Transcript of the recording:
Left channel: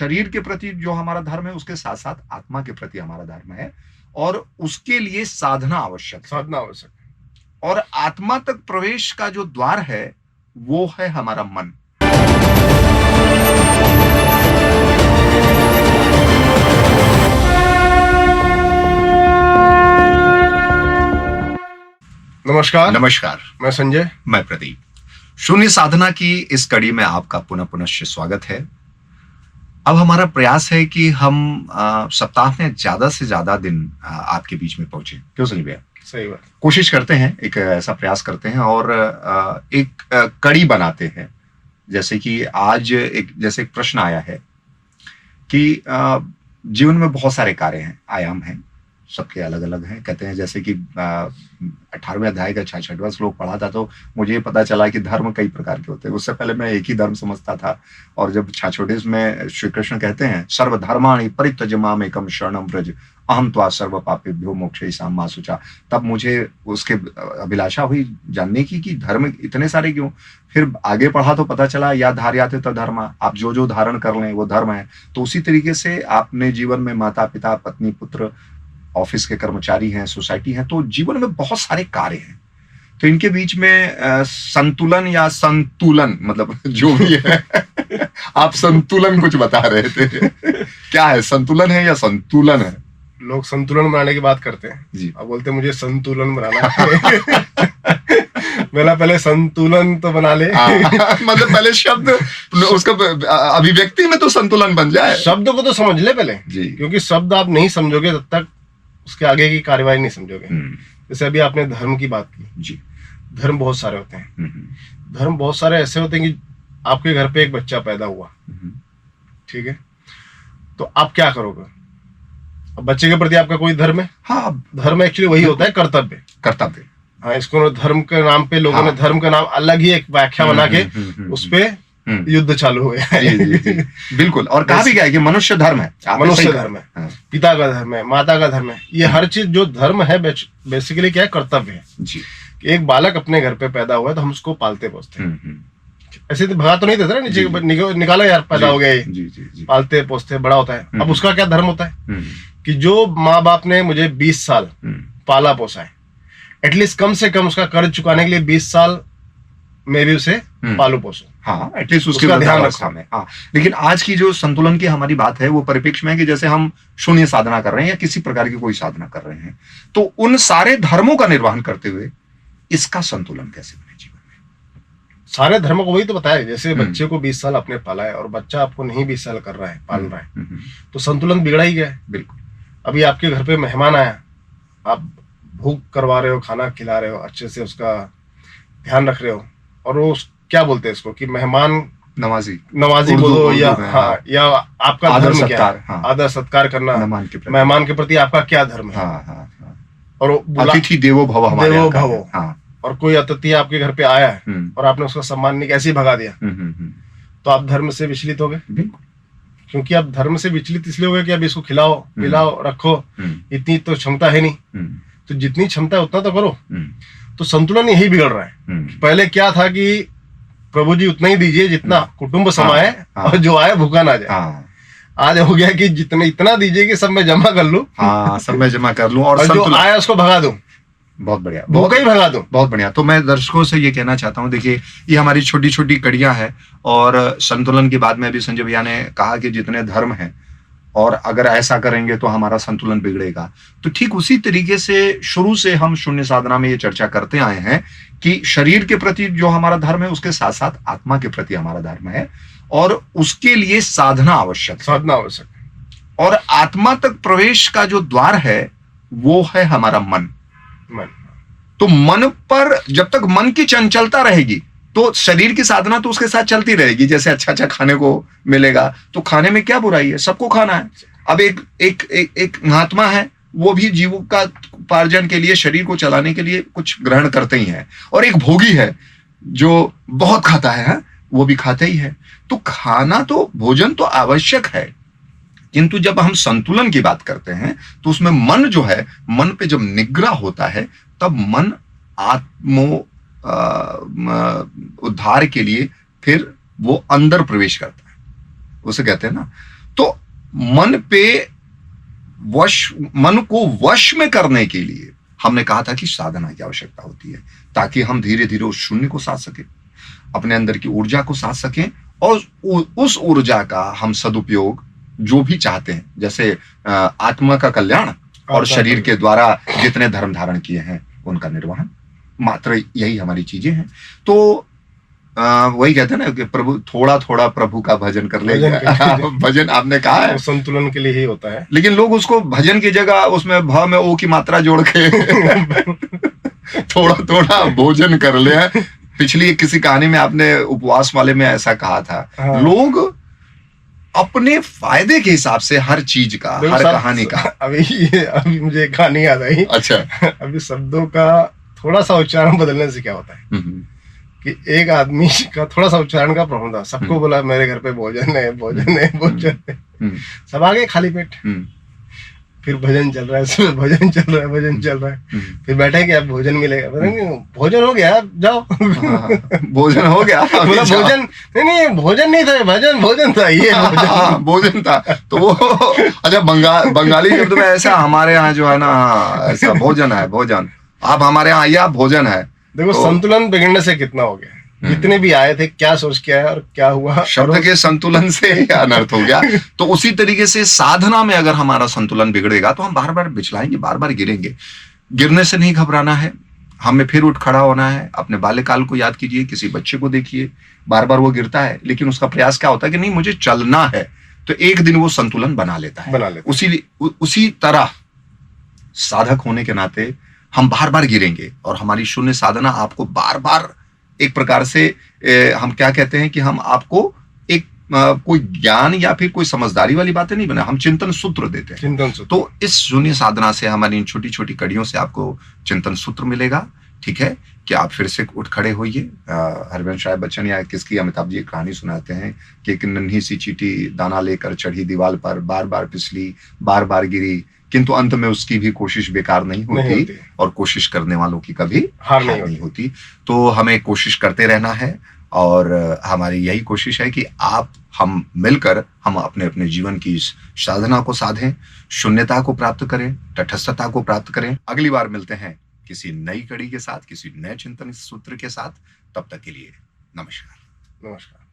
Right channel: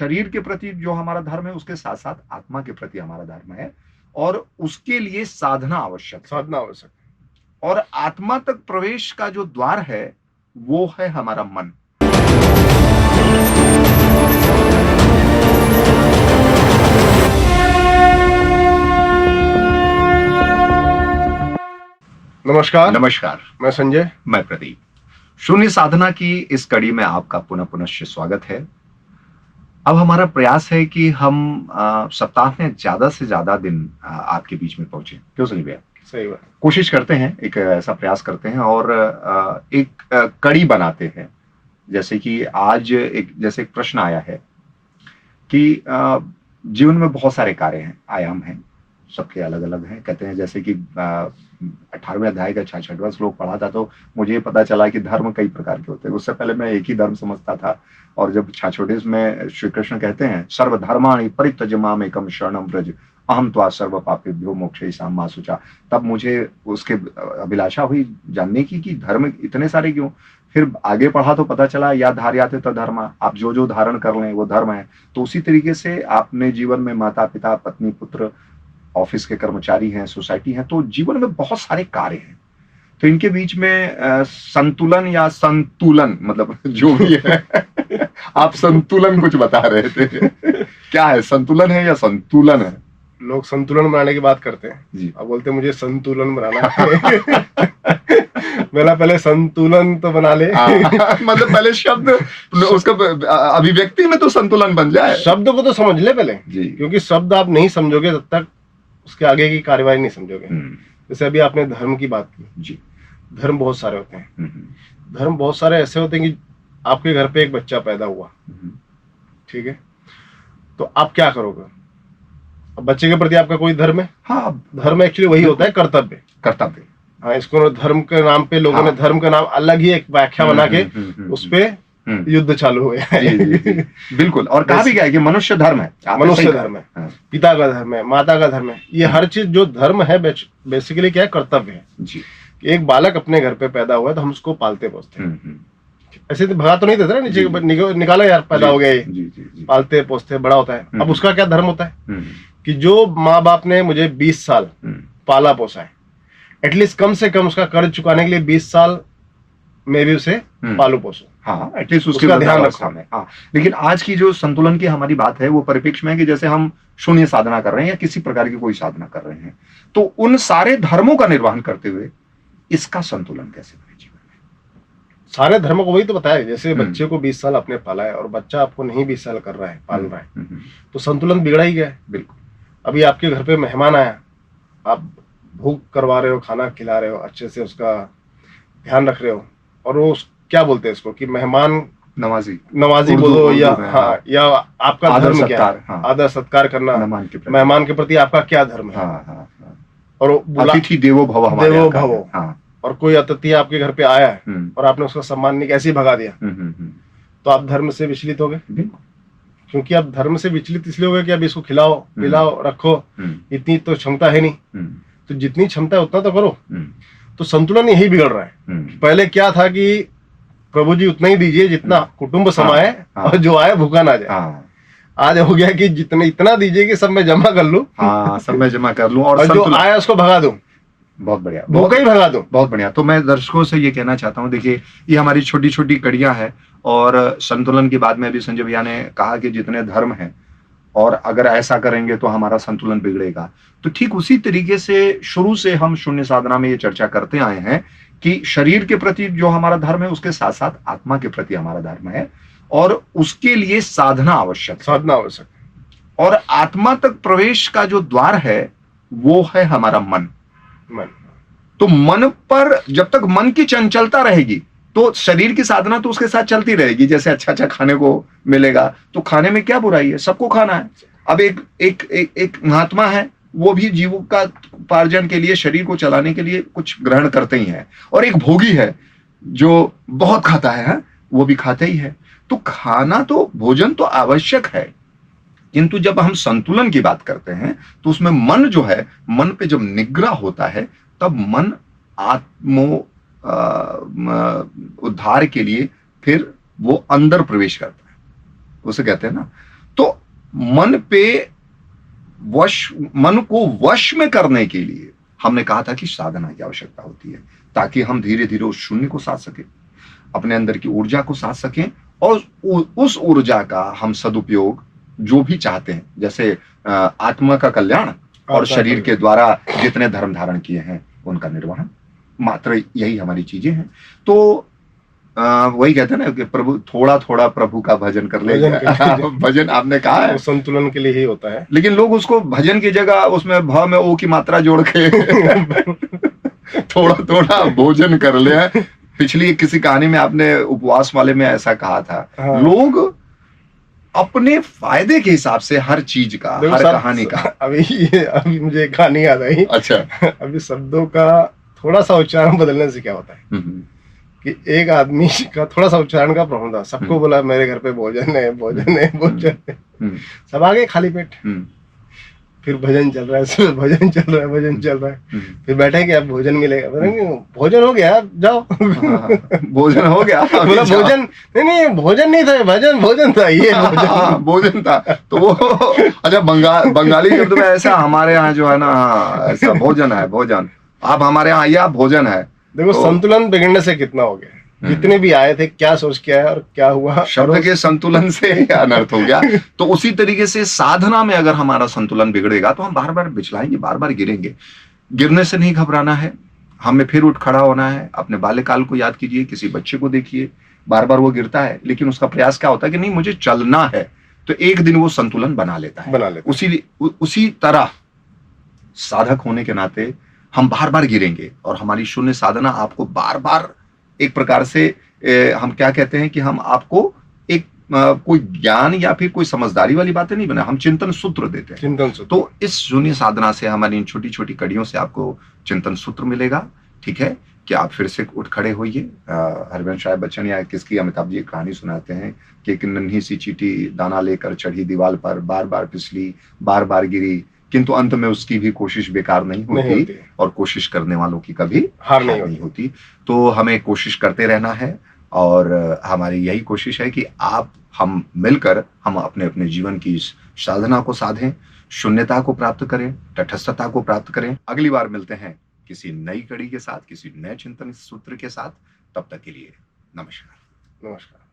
शरीर के प्रति जो हमारा धर्म है उसके साथ साथ आत्मा के प्रति हमारा धर्म है, और उसके लिए साधना आवश्यक है। साधना आवश्यक है। और आत्मा तक प्रवेश का जो द्वार है वो है हमारा मन। नमस्कार, मैं संजय, मैं प्रदीप। शून्य साधना की इस कड़ी में आपका पुनः स्वागत है। अब हमारा प्रयास है कि हम सप्ताह में ज्यादा से ज्यादा दिन आपके बीच में पहुंचे। क्यों सनी भैया? सही बात। कोशिश करते हैं, एक ऐसा प्रयास करते हैं और एक कड़ी बनाते हैं। जैसे कि आज जैसे एक प्रश्न आया है कि जीवन में बहुत सारे कार्य हैं, आयाम हैं, सबके अलग अलग हैं। कहते हैं जैसे कि 18वें अध्याय का 66वां श्लोक पढ़ा था तो मुझे पता चला कि धर्म कई प्रकार के होते हैं। उससे पहले मैं एक ही धर्म समझता था, और जब 66 में श्री कृष्ण कहते हैं सर्वधर्माणि परित्यज्य माम एकम शरणम व्रज अहम त्वा सर्व पापेभ्यो मोक्षयिष्यामि मा शुचा, तब मुझे उसके अभिलाषा हुई जानने की कि धर्म इतने सारे क्यों। फिर आगे पढ़ा तो पता चला या धार्याते तद्धर्मा, आप जो धारण कर लें वो धर्म है। तो उसी तरीके से आपने जीवन में माता पिता पत्नी पुत्र, ऑफिस के कर्मचारी हैं, सोसाइटी है, तो जीवन में बहुत सारे कार्य हैं। तो इनके बीच में संतुलन या संतुलन, मतलब जो भी है आप संतुलन कुछ बता रहे थे, क्या है, संतुलन है या संतुलन है? लोग संतुलन बनाने की बात करते हैं जी। अब बोलते मुझे संतुलन बनाना है। मेरा पहले संतुलन तो बना ले। मतलब पहले शब्द उसका अभिव्यक्ति में तो संतुलन बन जाए। शब्द को तो समझ ले पहले जी, क्योंकि शब्द आप नहीं समझोगे तब तक उसके आगे की कार्यवाही नहीं समझोगे। जैसे अभी आपने धर्म की बात की जी। धर्म बहुत सारे होते हैं। धर्म बहुत सारे ऐसे होते हैं कि आपके घर पे एक बच्चा पैदा हुआ, ठीक है, तो आप क्या करोगे? अब बच्चे के प्रति आपका कोई धर्म है? हाँ, धर्म एक्चुअली वही होता है, कर्तव्य। कर्तव्य। हाँ, इसको धर्म के नाम पे लोगों ने धर्म का नाम अलग ही एक व्याख्या बना के उस पे युद्ध चालू हो गया। जी, बिल्कुल। और कहा भी गया है कि मनुष्य धर्म है, मनुष्य धर्म है। हाँ। पिता का धर्म है, माता का धर्म है, ये हर चीज जो धर्म है बेसिकली क्या है, कर्तव्य है जी। एक बालक अपने घर पे पैदा हुआ है तो हम उसको पालते पोसते हैं। ऐसे तो भगा तो नहीं देते ना, नीचे निकालो यार, पैदा हो गया ये, पालते पोसते बड़ा होता है। अब उसका क्या धर्म होता है कि जो माँ बाप ने मुझे 20 साल पाला पोसा है, एटलीस्ट कम से कम उसका कर्ज चुकाने के लिए 20 साल मैं भी उसे पालू पोसू। हाँ, एटलीस्ट उसका ध्यान रखा मैं। हाँ, लेकिन आज की जो संतुलन की हमारी बात है वो परिप्रेक्ष्य में है कि जैसे हम शून्य साधना कर रहे हैं या किसी प्रकार की कोई साधना कर रहे हैं, तो उन सारे धर्मों का निर्वहन करते हुए इसका संतुलन कैसे बने जीवन में? सारे धर्मों को वही तो बताया। जैसे बच्चे को 20 साल आपने पाला है और बच्चा आपको नहीं 20 साल कर रहा है, पाल रहा है, तो संतुलन बिगड़ा ही गया है। बिल्कुल। अभी आपके घर पे मेहमान आया, आप भूख करवा रहे हो, खाना खिला रहे हो, अच्छे से उसका ध्यान रख रहे हो, और वो क्या बोलते हैं इसको कि मेहमान नवाजी बोलो या हाँ, या आपका धर्म क्या है? हाँ, आदर सत्कार करना मेहमान के प्रति आपका क्या धर्म है? हाँ। और अतिथि देवो भव, देवो भवो। हाँ। और कोई अतिथि आपके घर पे आया है और आपने उसका सम्मान नहीं, कैसे भगा दिया, तो आप धर्म से विचलित हो गए। क्योंकि आप धर्म से विचलित इसलिए हो गए कि अब इसको खिलाओ पिलाओ रखो, इतनी तो क्षमता है नहीं, तो जितनी क्षमता है उतना तो करो। तो संतुलन यही बिगड़ रहा है। पहले क्या था कि प्रभु जी उतना ही दीजिए जितना कुटुंब समाए और जो आए भूखा ना जाए। आज हो गया कि जितने इतना दीजिए कि सब मैं जमा कर लूं। हाँ, सब मैं जमा कर लूं और जो आया उसको भगा दूं। बहुत बढ़िया, भूखा ही भगा दूं। बहुत बढ़िया। तो मैं दर्शकों से ये कहना चाहता हूँ, देखिए ये हमारी छोटी छोटी कड़ियां हैं, और संतुलन के बाद में अभी संजय भैया ने कहा कि जितने धर्म हैं और अगर ऐसा करेंगे तो हमारा संतुलन बिगड़ेगा। तो ठीक उसी तरीके से शुरू से हम शून्य साधना में ये चर्चा करते आए हैं कि शरीर के प्रति जो हमारा धर्म है उसके साथ साथ आत्मा के प्रति हमारा धर्म है, और उसके लिए साधना आवश्यक है। और आत्मा तक प्रवेश का जो द्वार है वो है हमारा मन। तो मन पर जब तक मन की चंचलता रहेगी तो शरीर की साधना तो उसके साथ चलती रहेगी। जैसे अच्छा खाने को मिलेगा तो खाने में क्या बुराई है, सबको खाना है। अब एक महात्मा है, वो भी जीविकोपार्जन के लिए, शरीर को चलाने के लिए कुछ ग्रहण करते ही हैं, और एक भोगी है जो बहुत खाता है, वो भी खाते ही है। तो खाना तो, भोजन तो आवश्यक है, किंतु जब हम संतुलन की बात करते हैं तो उसमें मन जो है, मन पे जब निग्रह होता है तब मन आत्मो उद्धार के लिए फिर वो अंदर प्रवेश करता है। उसे कहते हैं ना, तो मन को वश में करने के लिए हमने कहा था कि साधना की आवश्यकता होती है, ताकि हम धीरे धीरे उस शून्य को साध सकें, अपने अंदर की ऊर्जा को साध सकें, और उस ऊर्जा का हम सदुपयोग जो भी चाहते हैं, जैसे आत्मा का कल्याण और शरीर के द्वारा जितने धर्म धारण किए हैं उनका निर्वहन, मात्र यही हमारी चीजें हैं। तो वही कहते हैं ना कि प्रभु थोड़ा थोड़ा प्रभु का भजन कर ले। भजन आपने कहा है संतुलन के लिए ही होता है, लेकिन लोग उसको भजन की जगह उसमें भ में ओ की मात्रा जोड़ के थोड़ा थोड़ा भोजन कर ले। पिछली किसी कहानी में आपने उपवास वाले में ऐसा कहा था। हाँ। लोग अपने फायदे के हिसाब से हर चीज का, हर कहानी का। अभी मुझे कहानी याद आई। अच्छा। अभी शब्दों का थोड़ा सा उच्चारण बदलने से क्या होता है कि एक आदमी का थोड़ा सा उच्चारण का प्रॉब्लम था, सबको बोला मेरे घर पे भोजन है, भोजन है, भोजन है, सब आ गए खाली पेट। फिर भजन चल रहा है, भजन चल रहा है, भजन चल रहा है। फिर बैठे कि अब भोजन मिलेगा, भोजन हो गया, जाओ। भोजन हो गया, बोला भोजन नहीं, भोजन नहीं था, भोजन था, ये भोजन था। तो वो अच्छा, बंगाली शब्द में ऐसा, हमारे यहाँ जो है ना ऐसा भोजन है, भोजन। आप हमारे यहाँ आइए, आप भोजन है। देखो तो संतुलन बिगड़ने से कितना हो गया, जितने भी आए थे क्या सोच के आए और क्या हुआ, शब्द के संतुलन से अनर्थ हो गया। तो उसी तरीके से साधना में अगर हमारा संतुलन बिगड़ेगा तो हम बार बार बिचलाएंगे, बार बार गिरेंगे। गिरने से नहीं घबराना है, हमें फिर उठ खड़ा होना है। अपने बाल्यकाल को याद कीजिए, किसी बच्चे को देखिए, बार बार वो गिरता है, लेकिन उसका प्रयास क्या होता है कि नहीं मुझे चलना है, तो एक दिन वो संतुलन बना लेता है। उसी तरह साधक होने के नाते हम बार बार गिरेंगे, और हमारी शून्य साधना आपको बार बार एक प्रकार से हम क्या कहते हैं कि हम आपको एक कोई ज्ञान या फिर कोई समझदारी वाली बातें नहीं बना, हम चिंतन सूत्र देते हैं। चिंतन सूत्र। तो इस शून्य साधना से, हमारी इन छोटी छोटी कड़ियों से आपको चिंतन सूत्र मिलेगा। ठीक है कि आप फिर से उठ खड़े होइए। हरिवंश राय बच्चन या किसकी अमिताभ जी एक कहानी सुनाते हैं कि एक नन्ही सी चींटी दाना लेकर चढ़ी दीवार पर, बार बार फिसली, बार बार गिरी, किंतु अंत में उसकी भी कोशिश बेकार नहीं होती, और कोशिश करने वालों की कभी हार नहीं होती। तो हमें कोशिश करते रहना है, और हमारी यही कोशिश है कि हम मिलकर हम अपने अपने जीवन की इस साधना को साधें, शून्यता को प्राप्त करें, तटस्थता को प्राप्त करें। अगली बार मिलते हैं किसी नई कड़ी के साथ, किसी नए चिंतन सूत्र के साथ। तब तक के लिए नमस्कार। नमस्कार।